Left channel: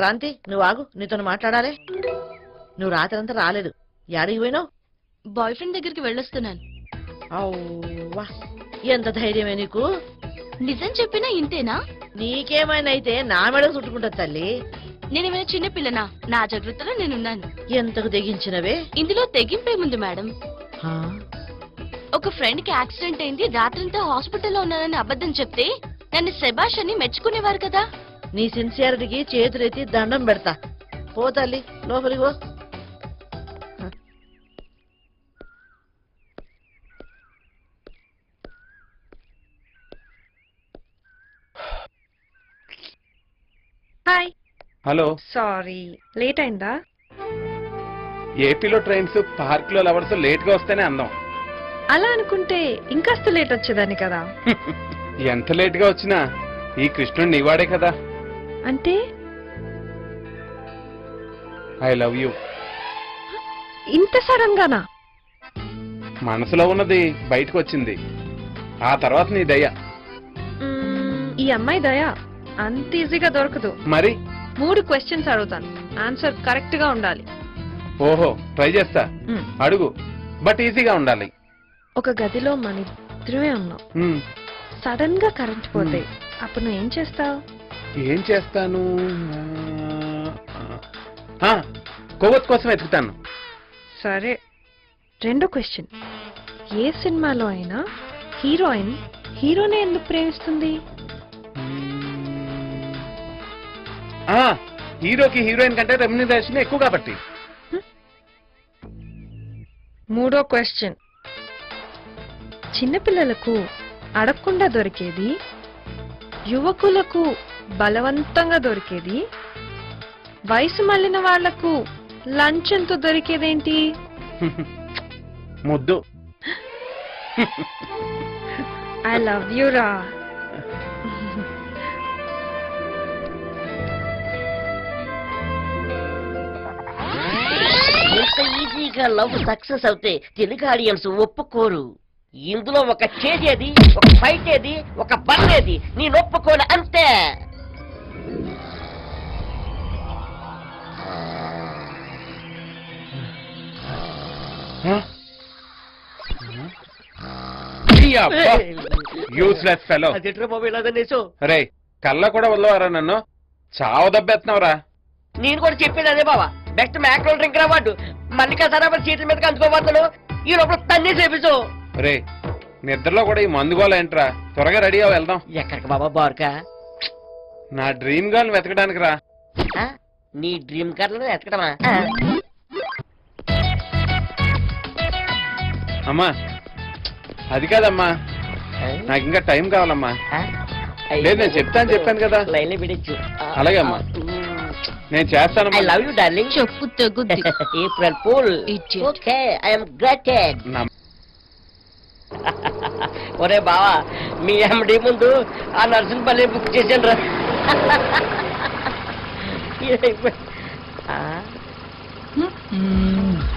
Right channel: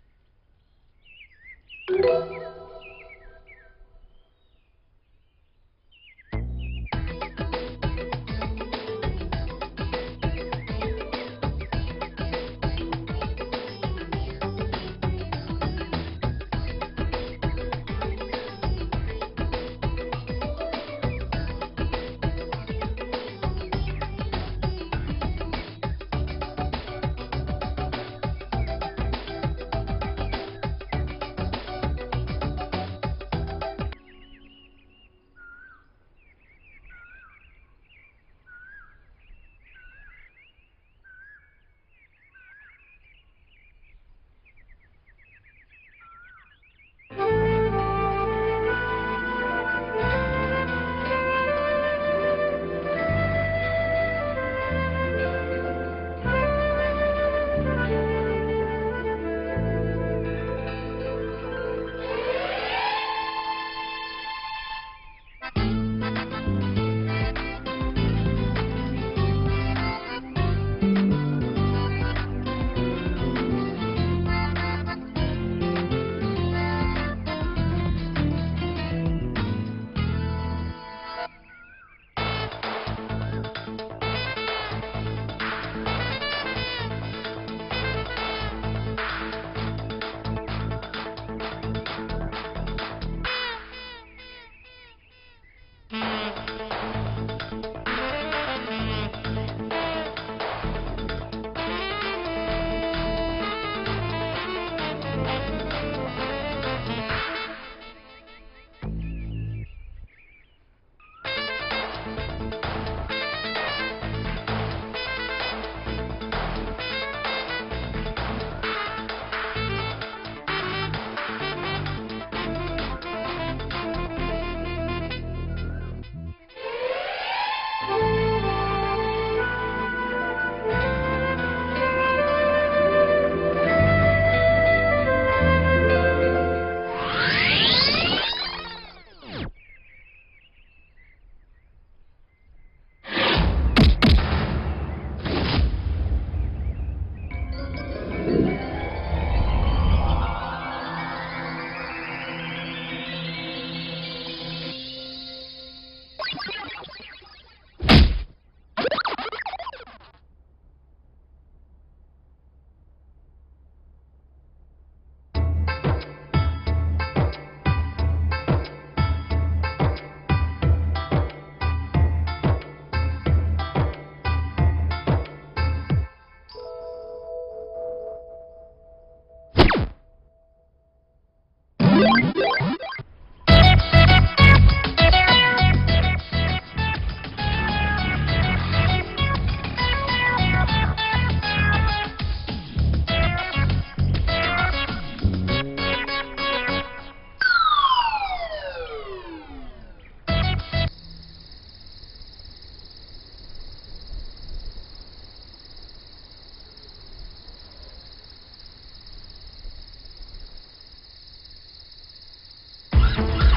క్రాంతి నువ్వు ఆగు, నీతో మాట్లాడాలి. నువ్వు రాత్రంతా రాలేదు, యాడికి పోయినావు? బాయ్ ఫ్రెండ్ దగ్గరికి వెళ్ళొస్తున్నాను. అవ్వా, ఎంత ధైర్యమే నీకు! నిజం చెప్పినా ఇంతేనా? నీకేమైనా అయితే నా మెడ చుట్టుకుంటా తల్లి. నేనేమైనా చిన్న పిల్లనా? నా జాగ్రత్తలో నేనున్నాను. ఎంతకు తెగించినవే? ఇందులో తెగింపేముంది మేడం. ఒక ఫ్రెండ్ కి యాక్సిడెంట్ అయింది, రాత్రంతా హాస్పిటల్లో ఉన్నానని అబద్ధం చెప్తే నన్ను శభాష్ అని మెచ్చుకునేవారు కదా. నీ సిన్సియారిటీకి చేతులెత్తి దండం పెడతా. పో తల్లి, లోపలికి పో. హాయ్. హలో. సారీ, లేట్ అయిందా? ఏపీలో ట్రైన్స్ పార్క్ లో లవర్స్ లేట్ గా వస్తేనే అందం. అలా అనుకుంటే ఇంకాస్త లేట్ వచ్చేదాన్ని కదా. ఎంత లేట్ గా వచ్చినా ఈ కృష్ణుడు నీవాడే కదా. అంటే ఐ లవ్ యూ. ఇంత సడన్ గానా? మనసులో ఉన్నది బయటకు వచ్చింది, ఆ తర్వాత నీ దయ. ఈ అమ్మాయి దయ అంత ఈజీగా దొరకదు. మరి 3 క్వశ్చన్స్ అడుగుతాను, ఆన్సర్ కరెక్ట్ గా ఉండాలి. ఓహో, ట్రై చేస్తా. అడుగు, బట్ ఈజీగా ఉండాలి. ఒక గదిలో మాత్రమే ఉన్నావు, సడన్ గా కరెంట్ పోతే అప్పుడు నువ్వు ఏం చేస్తావు? ఏం చేస్తాను? కొవ్వొత్తు కోసం ఎత్తుతాను. సరే, 2వ క్వశ్చన్. ఏ సినిమాలో అయినా హీరోయిన్ హీరోనే ఎందుకు ప్రేమిస్తుంది? హీరోకి హీరోయిన్ కంటే రెమ్యునరేషన్ ఎక్కువ కాబట్టి. 3వ క్వశ్చన్. చిన్నపిల్లలకు అడగకుండా దొరికేది, యువకులకు బలవంతంగా దొరికేది, వయసు మళ్ళిన వాళ్లకు లంచంతో దొరికేదేంటి? ముద్దు. ఐ లవ్ యూ రా. ఈజీగా లవ్ సక్సెస్ అవుతే తెలుగు ఆడియన్స్ ఒప్పుకోరు. ఇందులో ఒక చేసేది, ఒక ఫైట్ ఏది, ఒక పన్నేది నీ ఒప్పుకోలే అంతే. Useless fellow. రే, కళ్ళ కూడా వదలవారా నన్ను? చావు దెబ్బెత్తున్నావురా. నేను కూడా చెప్పేది అదే బావా, బెస్ట్ మ్యాక్రోల్ డ్రింక్ రావాడు మల్లికా సరాబర్ చేతుల మీద అందుకోబోతున్నాడు. ఈ లోపల తన్ని చేపించు. రే, నిద్రలో కూడా ఈ మందు గోల ఏంట్రా? త్వరగా రెడీ అవ్వ, వెళ్దాం. ఎక్కడికి బాబా బార్కా? నా డ్రీమ్ గర్ల్ వెతకడానికి రా. నీ డ్రీమ్ గర్ల్ ఎతకడమా? అమ్మా, అది కాదమ్మా, నాకు ఇంకా టైం కావాలమ్మా. లేదు, నేను చెప్పాను కదా. లైన్లో పిడించు. అలాగే అమ్మా, నేను చేస్తాను. I love you darling. చెప్పు తెగుద్ది. April fool. Okay, I am greeted. ఒరే బావా, మీ ఎండి ముందు ఆ నర్సుని పల్లి బుక్ చేశాను రా.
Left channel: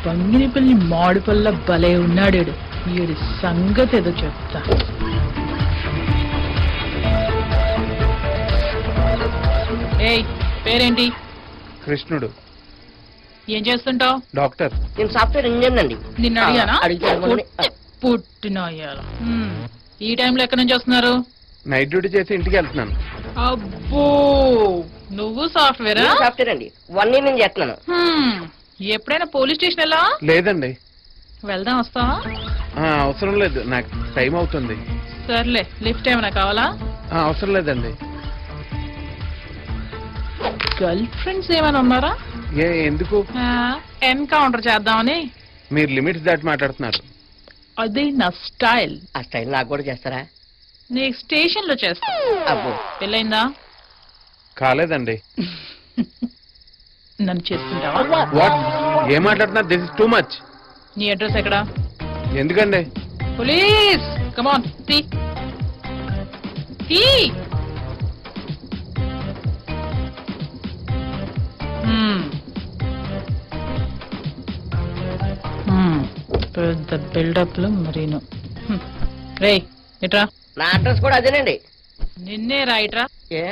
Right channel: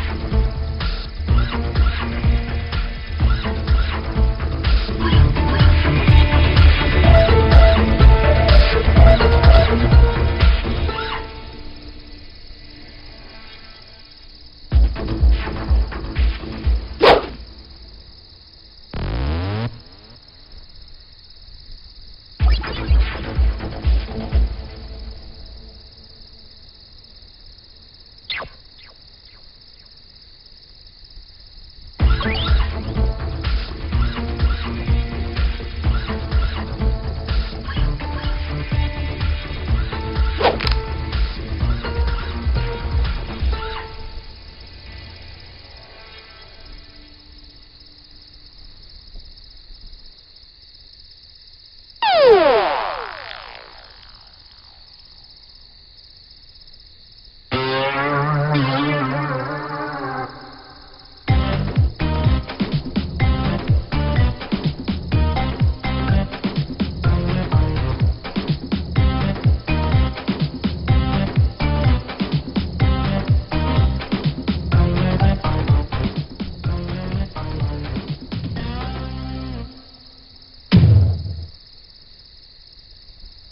తంగినిపల్లి మాడుపల్ల భలే ఉన్నాడు. వీడి సంగతి ఏదో చెప్తా. పేరేంటి? కృష్ణుడు. ఏం చేస్తుంటావు? డాక్టర్. నేను సాఫ్ట్వేర్ ఇంజనీర్ అండి. నిన్ను అడిగానా? అడిగాను. పుట్టినాయా. ఈ టైంలో ఎక్కడి నుంచి వస్తున్నారు? నైట్ డ్యూటీ చేసి ఇంటికి వెళ్తున్నాను. అబ్బో, నువ్వు సాఫ్ట్వేరా? సాఫ్ట్వేర్ అండి, 1 year నుంచి చేస్తున్నాను. ఎప్పుడైనా పోలీస్ స్టేషన్ వెళ్ళా? లేదండి. వెళ్దాం, వస్తావా? అవసరం లేదు, నాకు టైం అవుతుంది. సర్లే, లిఫ్ట్ ఏమైనా కావాలా? అవసరం లేదండి. గర్ల్ ఫ్రెండ్స్ ఏమైనా ఉన్నారా? ఎందుకు? ఎన్కౌంటర్ చేద్దామని. మీరు లిమిట్స్ దాటి మాట్లాడుతున్నారు. అదే నా స్టైల్. ఆ స్టైల్ నాకు కూడా చేస్తారా? నీకు స్టేషన్ లో చేస్తా. పెళ్ళైందా? కాలేదండి. నన్ను చెప్పు. ఏం మాట్లాడుతున్నారు? This is too much. నీ అడ్రస్ ఎక్కడా? ఎందుకండి? ప్లీజ్ కమ్ ఆన్, సీ పెద్ద బిల్డప్ లో మరీను. రే, ఇట్రా. నా అడ్రస్ కూడా అదేనండి. నిన్నే రా, ఇట్రా. ఏ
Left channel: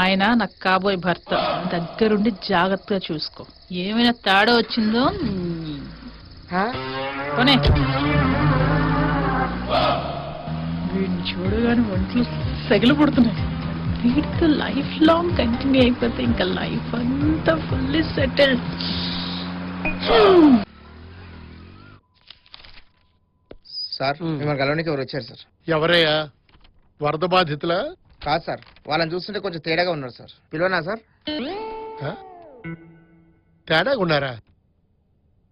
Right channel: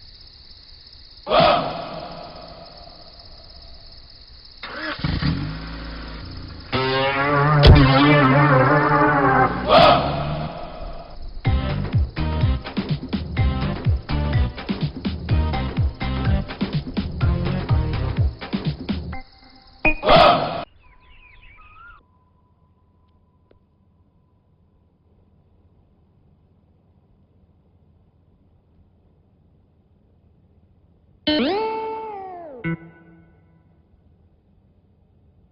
ఆయన నాకు కాబోయే భర్త. దగ్గరుండి జాగ్రత్తగా చూసుకో. ఏమైనా తేడా వచ్చిందో కొనే. వీడిని చూడగానే ఒంట్లో సెగలు పుడుతున్నాయి. వీడికి లైఫ్ లాంగ్ కంటిన్యూ అయిపోతే ఇంకా లైఫ్ అంతా ఫుల్లీ సెటిల్డ్. సార్ మిమ్మల్ని కలవడానికి ఎవరు వచ్చారు సార్? ఎవరయ్యా? వరద బాధితులా? కాదు సార్, వాళ్ళని చూస్తుంటే కొంచెం తేడాగా ఉన్నారు సార్. పిలవనా సార్? ఆ? తేడాగా ఉన్నారా?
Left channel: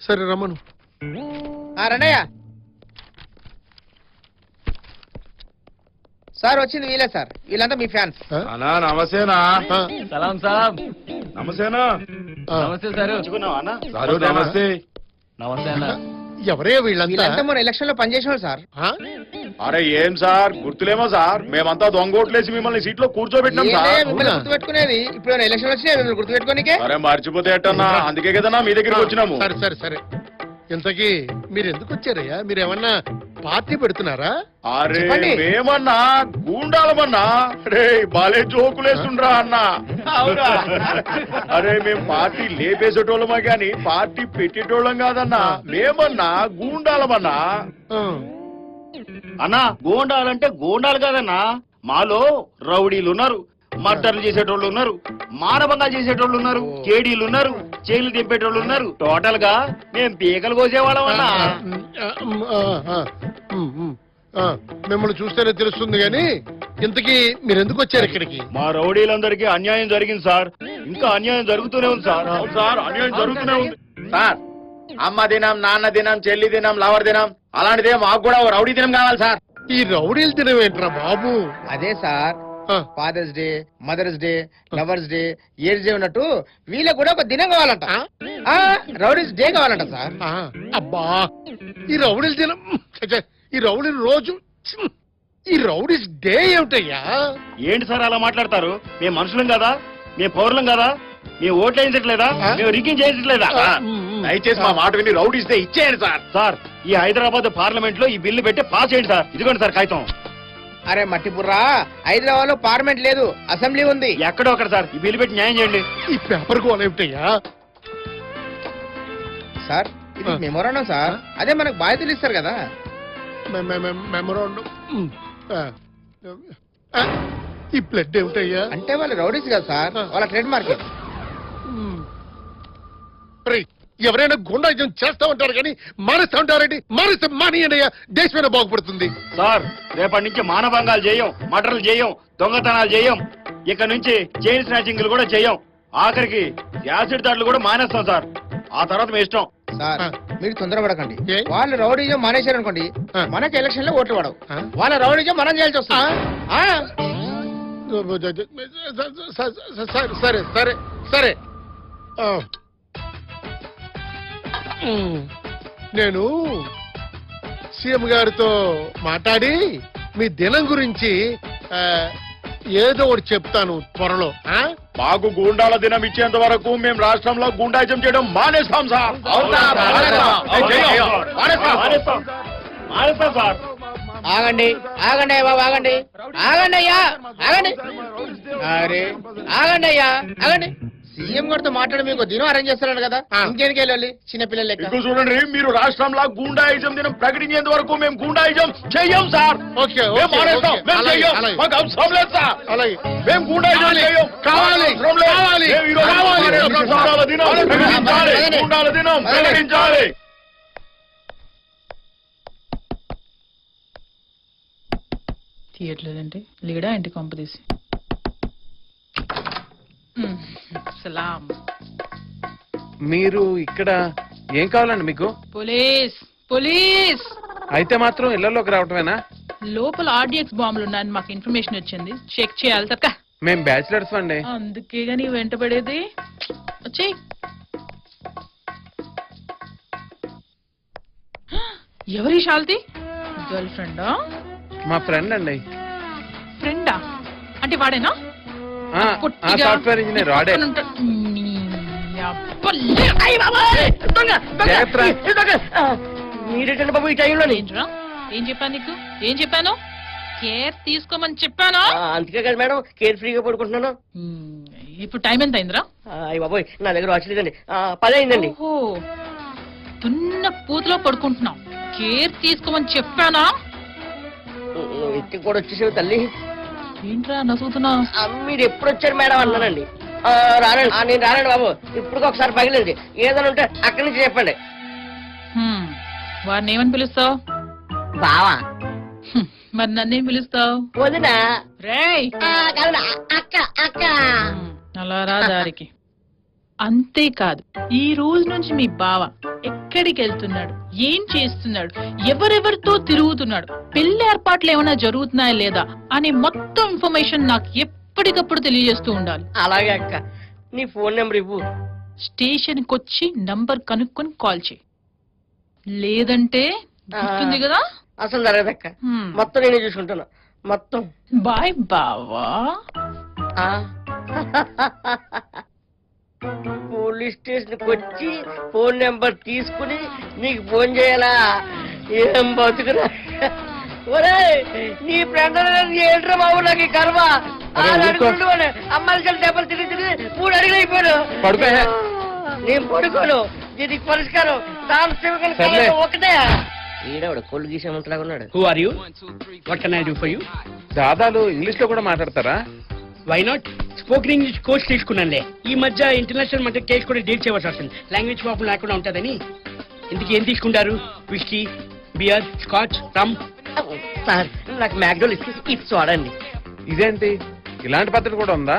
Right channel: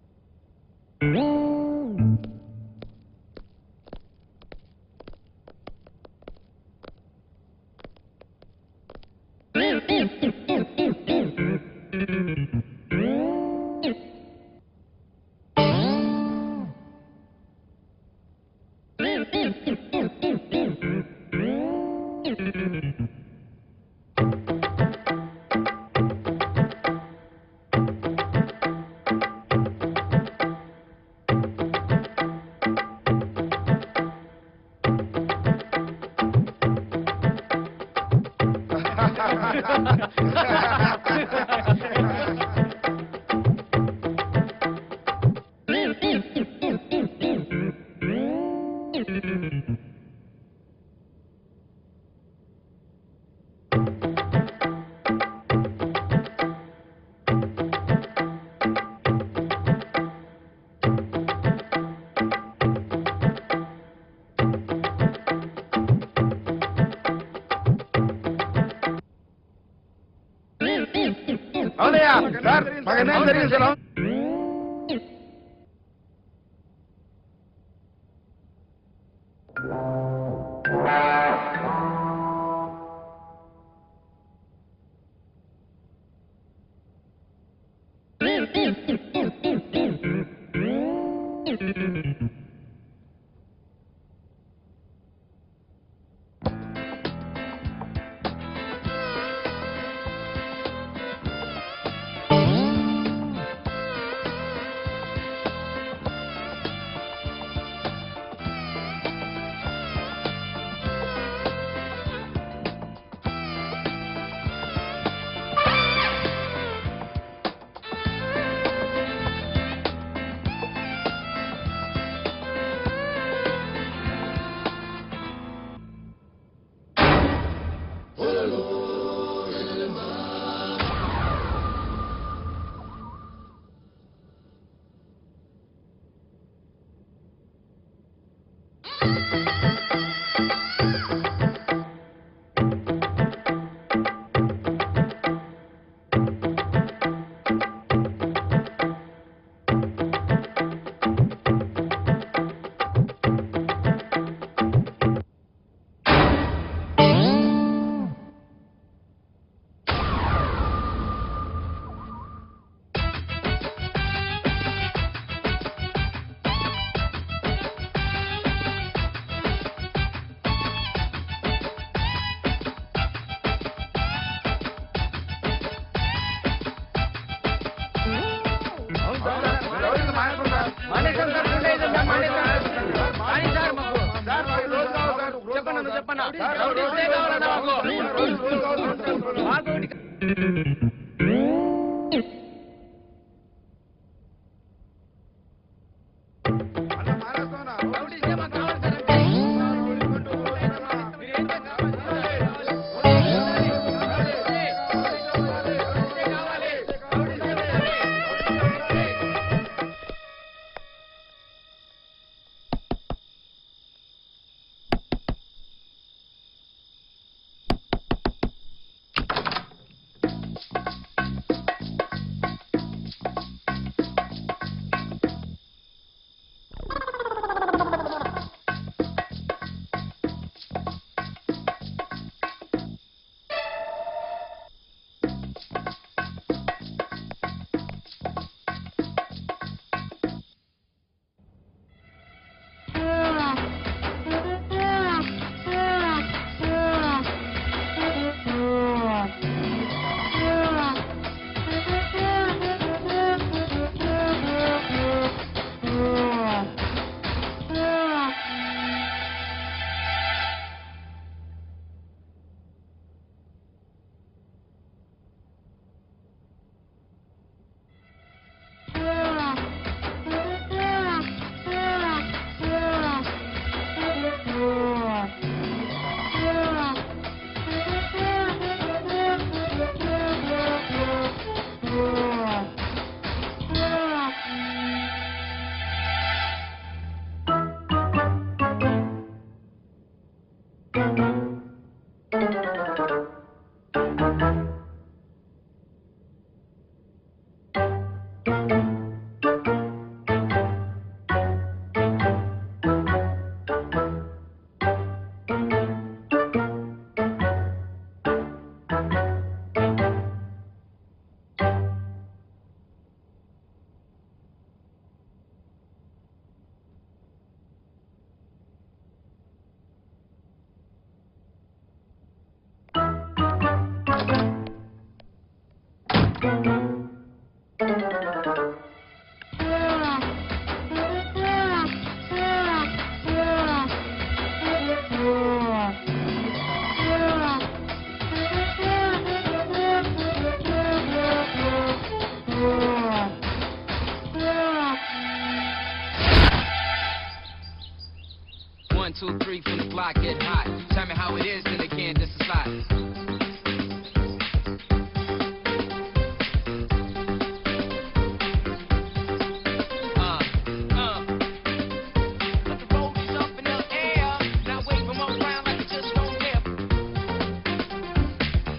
సరే రమ్మను. రండయ్య. సార్ వచ్చింది వీలే సార్, వీళ్ళంతా మీ ఫ్యాన్స్. ఆ? అన్నా నమస్తేనా. సలాం సాబ్. నమస్తేనా. ఆ. నమస్తే సార్. సారు నమస్తే. నమస్తే అన్న. ఎవరయ్యా వీళ్ళంతా? వీళ్ళంతా మన ఎలక్షన్ లో పనిచేసిన వాళ్ళు సార్. ఆ? అరే ఏం సార్ గుర్తులేమో సార్, మేమంతా దొంగోట్లేసి మిమ్మల్ని సీట్లో కూర్చోబెట్టినాం ఏంటే సార్. మిమ్మల్ని గుర్తుపెట్టుకునేది? ఇప్పుడు ఎలక్షన్ వచ్చినాయి, మిమ్మల్ని గుర్తుపెట్టుకోనికే. అరే మర్చిపోతే ఎట్టన్నా, అందుకే కదన్నా మీ దగ్గరికి వచ్చినాము. సరే సరే సరే. ఇంతకీ మీరు ఎందుకు వచ్చారయ్యా? మీరు ఏమన్నా పార్టీ పెడుతున్నారా? అరే చెప్పండి. మేమన్నా గూండాలమన్నా రే బాలే జోకులేసుండ్రా అన్న. అరే మేము పార్టీ లేపేసేటోళ్ళమా గాని పార్టీ పెట్టేటోళ్ళం కాదన్నా. మేమన్నా గూండాలమన్నా. ఆ. అన్నా గోండాలంటే గోండాలు కాదన్నా, మాలో రౌడీలు ఉన్నారు, మర్డర్లు చేసేటోళ్ళు ఉన్నారు, మానవంగా చేసేటోళ్ళు ఉన్నారు, కేడీలు ఉన్నారు, జైలు దింపేటోళ్ళు ఉన్నారు. టోటల్ గా మేము పీకలు కోసేవాళ్ళం అన్నా. మిమ్మల్ని చూస్తేనే తెలుస్తుంది కానీ ఇంతకీ మీరు ఎందుకు వచ్చారు ఇక్కడికి? మా రౌడీలందరికీ అన్యాయం జరిగింది సార్, ఇంకా అన్యాయం జరుగుతూనే ఉంది సార్. సార్, అన్యాయం జరుగుతున్నదా? సార్ అమ్మ దినం, నాన్న దినం, చెల్లి దినం, లవర్ దినం అలాంటిదే మాకు కూడా ఓ రౌడీ దినం కావాలి సార్. ఈ రౌడీలు తినవేంట్రా బాబు? అదే సార్, ఆ. Father's Day, Mother's Day, lovers day, years day ఉన్నట్టు వీళ్ళకి కూడా ఒక దినం కావాలంట. రౌడీస్ డే కావాలంట సార్. ఆ, అబ్బా ఈ రౌడీలు తిన ఈ రౌడీలు రోజు ఈ రౌడీస్ డే ఏమిటయ్యా? ఏంటి సార్ అలా మాట్లాడతారు? మేము మనుషులం కదా, మేము పౌరులం కదా, మేము ఓట్లు వేయించట్లేదా, మేము రిగ్గింగ్ చేయించట్లేదా? దయచేసి మా మాట విని రౌడీ ఇస్తే ఇచ్చేయండి సార్. సార్ ఈ హైదరాబాద్ పార్లమెంట్ లో ఈ బిల్లు పెట్టి పాస్ చేయండి సార్. ఇదిగోండి సార్ కాగితం. అరే మట్టిపుర్రా, హైదరాబాద్ లో పార్లమెంట్ లేదు, అసెంబ్లీ ఉంది. ఎక్కడో ఒకటి సార్ ఈ బిల్లు పెట్టి న్యాయం చేయండి. ఈ పెప్పర్ గోల్ ఏమిటయ్యా? సార్ ఇది మెమోరాండం సార్, అదే మనకు బాధ్యతలు ఇస్తారు కదా. మెమరాండం. ఈ బ్లడ్ ఏమిటయ్యా? అంటే వాళ్ళు రౌడీస్ కదా సార్, వాళ్ళ ట్రేడ్ మార్కెట్. ఎవరైనా గుండాయిజం చేస్తా ఉంటారు కానీ మానేస్తా ఉంటారండి. మానేస్తే మానేయండి అయ్యా, దేశమైనా బాగుపడుతుంది. సార్ రేపటి నుంచి మానభంగాలు చేయం, మటర్లు చేయం, దొంగతనాలు చేయం, ఇక నుంచి చైన్ స్నాచింగ్లు కూడా చేయం, ఆఖరికి యాసిడ్ దాడులు కూడా మానేస్తాం సార్. ఆ తర్వాత మీ ఇష్టం. సార్ మీరు తొందరపడకండి. ఏ? వాళ్ళు రౌడీజం మానేశారు అనుకోండి, మనకి ఎలక్షన్ లో ఓట్లు పడవు. వాళ్ళ రౌడీజం మనం చేయాల్సి వస్తుంది. సరే సరే సరే. నేను సీఎం గారితో మాట్లాడి మీ దినం గురించి ఏదో ఒకటి చెప్తాను త్వరలో. మాకు గూండాల దినం ఇచ్చేంత వరకు మేము రాష్ట్రంలో గూండాయిజం చేయడం మానేస్తాం సార్. అవునా? మానేస్తాం. మానేస్తాం సార్. ఆగండి ఆగండి బాబు, ఆగండి ఆగండి అయ్యా, ఆగండి. అరే ఆగండి అయ్యా, ఆగండి. సీఎం గారితో మాట్లాడి మీకు దినం అరేంజ్ చేస్తున్నాడు కదా, ఇంకేనికి వెళ్ళాలి చిన్నపిల్లలు లెక్క. ఇంకో చూడండి, మీరు రాష్ట్రంలో గూండాయిజం దినం ప్రకటించేంత వరకు మేము గూండాయిజం చెయ్యం సార్. ఓకే మేము మానేస్తాం. మేము చెయ్యం. మాకు అవసరం లేదు సార్. అలాగే. మేము గూండాయిజం చెయ్యం. కావాలి, కావాలి, మేము ఈరోజు కావాలి. గూండాల దినం ప్రకటించాలి. గూండాల దినం ప్రకటించాలి. తీయట్లేదంటే లీడా ఇంటి కొంపదీసి. సలాం. మీరు ఇక్కడ ఏం కావాలండి మీకు? Police police. అయితే మాత్రం ఇళ్లలోకి రావటమేనా? లోపల ఆర్డిఎక్స్ బాంబులు ఉన్నాయని మాకు ఇన్ఫర్మేషన్ వచ్చింది, చెక్ చేయాలి తక్క. మేము బ్యాచిలర్స్ అండి. అందుకే నీ వెంటబడేది. వచ్చేయ్. ఎవరి శాల్తి? గర్ల్ ఫ్రెండా? మా ఫ్రెండ్ అండి. ఫ్రెండా అంటే వాడేనా? సాఫ్ట్వేర్ ఇంజనీర్ వాడే. మీరేంటండి బాబు ఈ టైంలోని? ఏం చెప్పాను నీకు? ఏం చెప్పాను? కేర్ తీసుకోమని చెప్పానా అందుకే కదా మేడం కేర్ ఫ్రీగా పడుకుంటున్నాను. ఇప్పుడు టైం ఎంత అయిందిరా? అయ్య బాబోయ్ నా దగ్గర వాచ్ లేదండి. 10 అయిందండి. ఓహో, చిన్న పూజలో పడుకుంటున్నావు. కేర్ తీసుకోమని చెప్పానా? ఇంటికి కూడా వచ్చేసావు తల్లి. ఏంట్రా నవ్వుతున్నా? మీరు ఎప్పుడు వచ్చారు మేడం అన్నానండి. రానండి. నేను రానండి బాబు. ఇప్పుడు ఒకసారి పగిలింది. ఏదైనా ఉంటే అక్కడి నుంచి చెప్పండి. వాడిని ఏమని పిలుస్తావు? బావా మరి నన్నేం పిలుస్తావు? వదినా. రేయ్ అక్క అక్క. అలా రా దారికి. అంతేకాదు, ఈ రోజు నుంచి మీ బావ ఎక్కడికి వెళ్తున్నాడు, ఏం చేస్తున్నాడు, ఎవరెవరితో తిరుగుతున్నాడు, పెళ్లి ఏర్పాట్లు ఏమైనా జరుగుతున్నాయా లేదా అని మొత్తం ఇన్ఫర్మేషన్ నాకు ఎప్పటికప్పుడు తెలియజేస్తూ ఉండాలి. అలాగే అక్క. నీ ఫోన్ నెంబర్ ఇవ్వు. స్టేషన్కి వచ్చి నంబర్ కనుక్కొని కాల్ చేయి. లేదంటే గుర్తుంది కదా? అసలు జరగదక్క. మొత్తం నేనే చూసుకుంటాను. మొత్తం. బాయ్ బావా. పోలీస్ స్టేషన్ కి వచ్చి ఫోన్ నెంబర్ తీసుకుని నీకు ఫోన్ చేయాలా? ఏం బతుకురా. ఒరేయ్, నీ ఫ్రెండ్ ఏంట్రా బాబు నాకు కర్మ. అమ్మాయికి దెబ్బలు తిరిగి 3 అడుగులు అయిపోయాను. నేను పడుకోను. దీనికి పరిష్కారం ఒకటే. ఈడవాడు కొళ్ళు గీసేమంతలాగా ఉన్నాడు. సాదాలు ఇంగ్లీష్ లో కూడా మాట్లాడతారా? Why not? Spoken English course తీసుకున్నానులే. ఈ మధ్య ఇంటర్నేషనల్ మధ్య కేసు కూడా డీల్ చేయవలసి వస్తుంది. లాంగ్వేజ్ ప్రాబ్లం లేకుండా ఉంటుందని. ఇందుకు ఏం తీసుకుంటారు? విస్కీ, బియర్, స్కాచ్, రమ్. సార్ నాకు మ్యాక్డోల్ ఇది చూడండి. ఇదేంటి ఇలాంటి పద్ధతి కూడా ఉందా?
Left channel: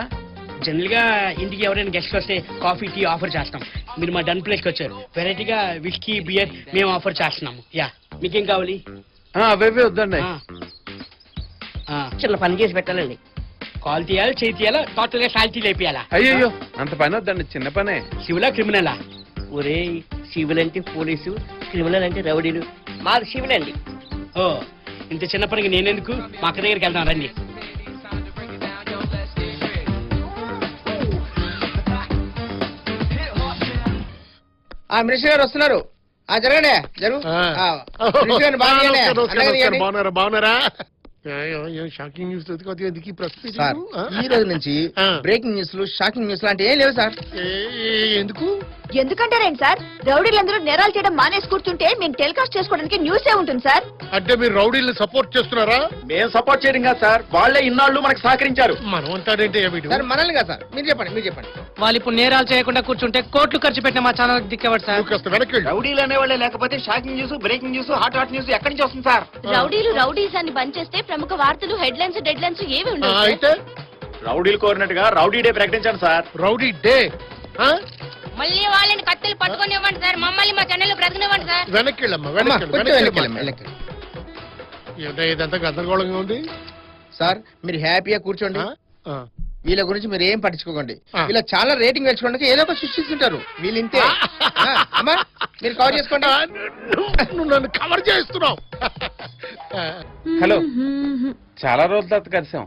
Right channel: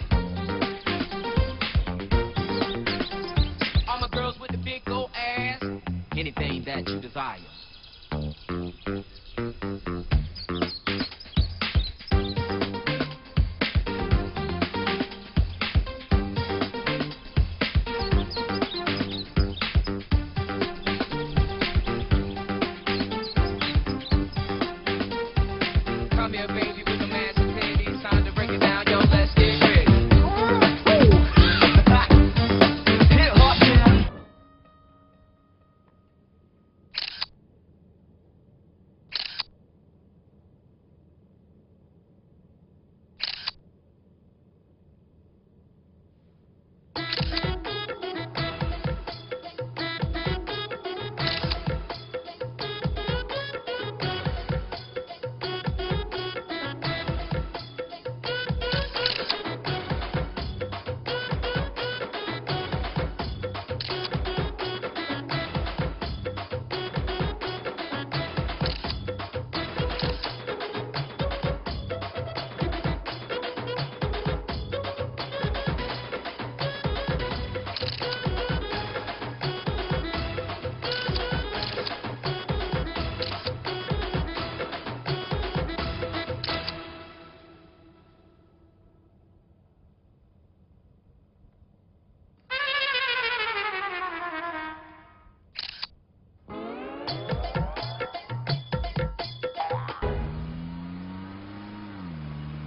జనరల్ గా ఇంటికి ఎవరైనా గెస్ట్ వస్తే కాఫీ టీ ఆఫర్ చేస్తాం. మీరు మా డన్ ప్లేస్ కి వచ్చారు. వెరైటీగా విస్కీ, బియర్ మేము ఆఫర్ చేస్తున్నాం. యా, మీకేం కావాలి? అవే వద్దండి. చిన్న పని చేసి పెట్టాలండి. కాల్ తీయాలి, చేయి తీయాలా, టోటల్ గా సాల్తీ అయిపోయాలా? అయ్యో అంత పని వద్దండి, చిన్న పనే. సివిలా క్రిమినలా? ఒరే, సివిల్ అంటే పోలీసు, క్రిమినల్ అంటే రౌడీలు. మాది సివిల్ అండి. ఓ, ఇంత చిన్న పనికి నేనెందుకు? మా అక్క దగ్గరికి వెళ్తాను రండి. మినిస్టర్ గారు వస్తున్నారు. జరగండి. బాగున్నారా? షాకింగ్ న్యూస్ ఈ రోజు నుంచి బ్రేకింగ్ న్యూస్ లు, షాకింగ్ న్యూస్ లాంటి ఏం లేవు సార్. ఎందుకు? ఎందుకంటారేంటి సార్? రౌడీలందరూ నేరాలు చేయడం మానేసి కూర్చుంటే మేము టెలికాస్ట్ చేసుకోవడానికి న్యూసే ఉంటుంది సార్. అంటే మీరు రౌడీలు సపోర్ట్ చేస్తున్నారా? మేము సపోర్ట్ చేయడం కాదు సార్, వాళ్ళే ఇన్నాళ్ళు మనకు సహకరించారు. మనం ఉంటారంటే సార్ మనల్ని కదా సార్. మీరు చెప్పండి. వాళ్ళు ఇప్పుడు నేరాలు చేయకుండా కూర్చుంటే కోట్లు ఖర్చు పెట్టిన మా ఛానల్ దిక్కేవాడు సార్. రౌడీలు అనేవాళ్ళే లేకపోతే shocking news, breaking news, hot news ఎక్కడి నుంచి వస్తుంది సార్? రౌడీస్ అని బంద్ చేస్తే ప్రముఖ వార్తలు, హెడ్లైన్స్, డెడ్లైన్స్ ఏమి ఉండవు. అయితే రౌడీలు కోరినట్టుగా రౌడీ డే ప్రకటించాను సార్. రౌడీ డే మళ్ళీ వాళ్ళని కత్తులు పట్టుకొని ఇవ్వండి సార్. మమ్మల్ని మా ఛానల్ బ్రతకనివ్వండి సార్. వెనక్కి ఇదంతా గందరగోళంగా ఉంది సార్. మీరు హ్యాపీగా కూర్చోండి. వీళ్ళ గురించి మీరు ఏం పట్టించుకోకండి. ఇలా చాలా రేటింగ్ తెచ్చుకోవడానికి ఏదో ఒక శిక్ష ఇచ్చుంటారు. వీళ్ళు ఇంతే. అమ్మా మీరు కవర్ చేసుకోండి. నువ్వు నన్ను కవర్ చేస్తున్నావు. హలో, చాలా రోజుల తర్వాత కలిసాం.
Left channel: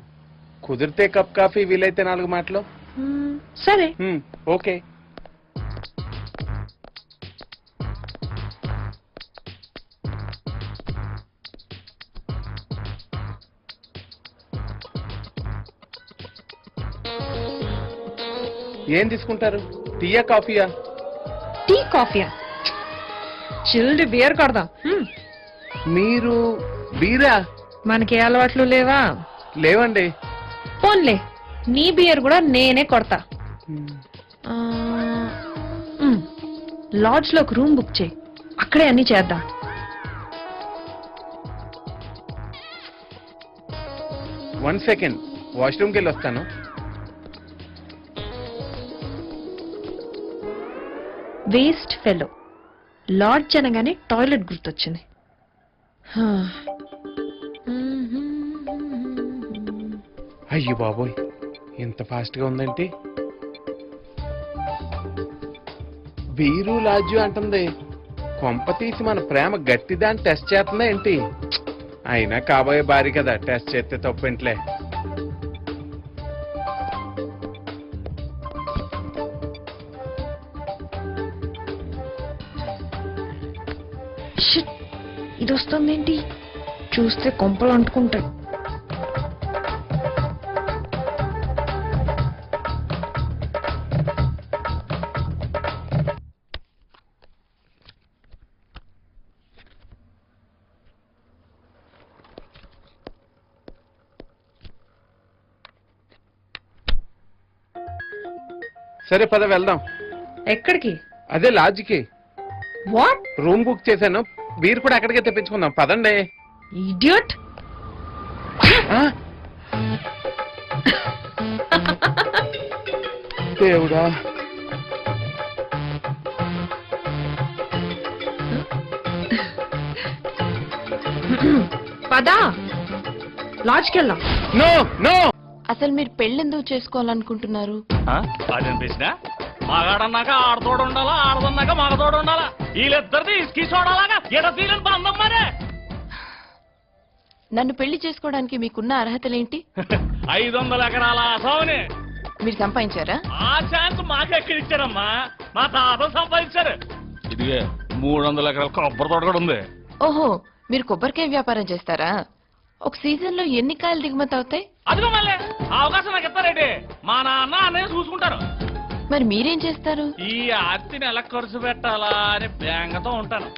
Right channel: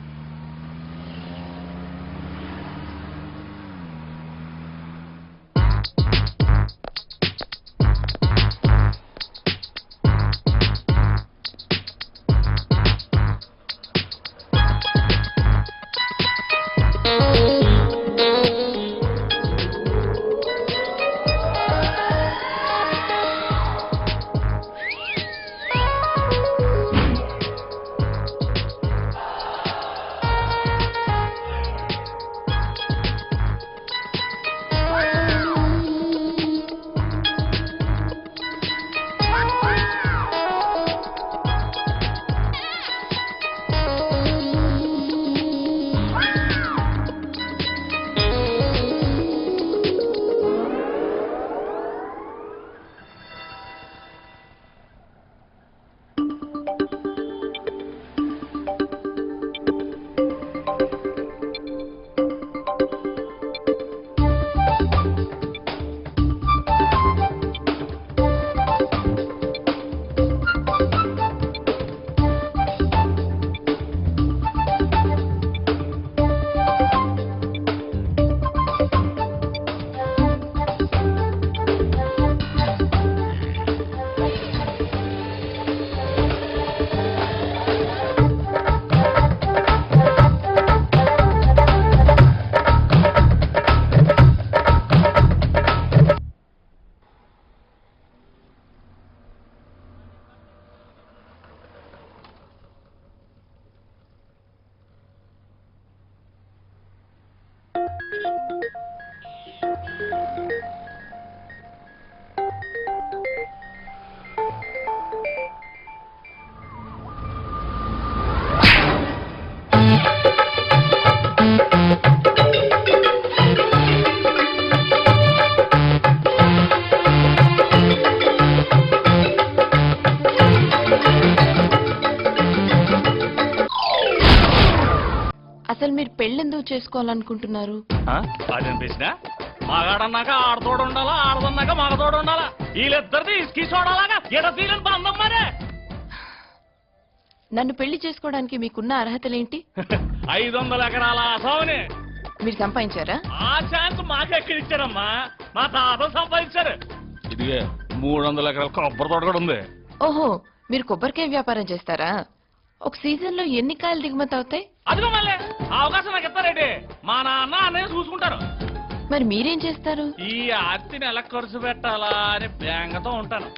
కుదిరితే కప్ కాఫీ, వీలైతే 4 మాటలు. సరే. ఓకే. ఏం తీసుకుంటారు? టీయా, కాఫీయా? Tea, coffee. చిల్డ్ బియర్ కొడదాం. మీరా? మనకి ఏ అలవాట్లు లేవా? లేవండి. ఫోన్లే, నీ బియర్ కూడా నేనే కొడతా. లాడ్జ్ లో ఒక రూమ్ బుక్ చేయి, అక్కడే అన్ని చేద్దాం. వన్ సెకండ్, వాష్రూమ్కి వెళ్ళి వస్తాను. Waste fellow. లాడ్జ్ అనగానే టాయిలెట్ గుర్తొచ్చింది. అయ్యో బాబోయ్, ఇంత ఫాస్ట్ గా ఉందంటే. బీరు లాడ్జు అంటుంది. కొంపతీసి మన ప్రేమ గట్టిదా అని టెస్ట్ చేస్తుందా ఏంటి? అయినా కాబోయే భారీ కదా, టెస్ట్ చేస్తే తప్పేంట్లే. ఇది వస్తుందేంటి? చూస్తే కొంపలు అంటుకుంటాయి. సరే పద వెళ్దాం. ఎక్కడికి? అదే లాడ్జ్కి వాట్ రూమ్ బుక్ చేశాను. బీర్ కూడా అక్కడికే తెప్పించుకుందాం పదండి. ఇడియట్. ఆ? దేవుడా. పదా లాడ్జ్కి వెళ్దాం. No, no. అసలు మీరు పెళ్ళెందుకు చేసుకోవాలనుకుంటున్నారు? అదేం ప్రశ్న? మగాడన్నాక ఆడతోడు ఉండాలా, ఆడదన్నాక మగతోడు ఉండాలా? వీళ్ళిద్దరిది ఇసుకి చూడాలాగా ఎడతీలని బంధం మరే. నన్ను పెళ్లి చేసుకోవడానికి మీకున్న అర్హతలేంటి? 500 ఎకరాల ఆసావుని మీరు సంపాదించారా? ఆ ఛాన్స్ మాకెక్కడిచ్చారమ్మా? మా తాత సంపాదించారు. ఇదిగే 300 ఎకరాల కొబ్బరి తోట కూడా ఉంది. ఓహో, మీరు కొబ్బరికాయ వ్యాపారం చేస్తారా? ఒక సీజన్ లో ఎన్ని కాయలు దిగుమతి అవుతాయి? అదిగో మళ్ళీ అవకాశం నాకు ఇస్తారేంటి? మా నాన్న అన్నయ్య చూసుకుంటారు. మరి మీరేం చేస్తారు? ఈ ఆర్తిని ఎలా ఖర్చు పెట్టాలా అని బేంగతో ఉంటాను.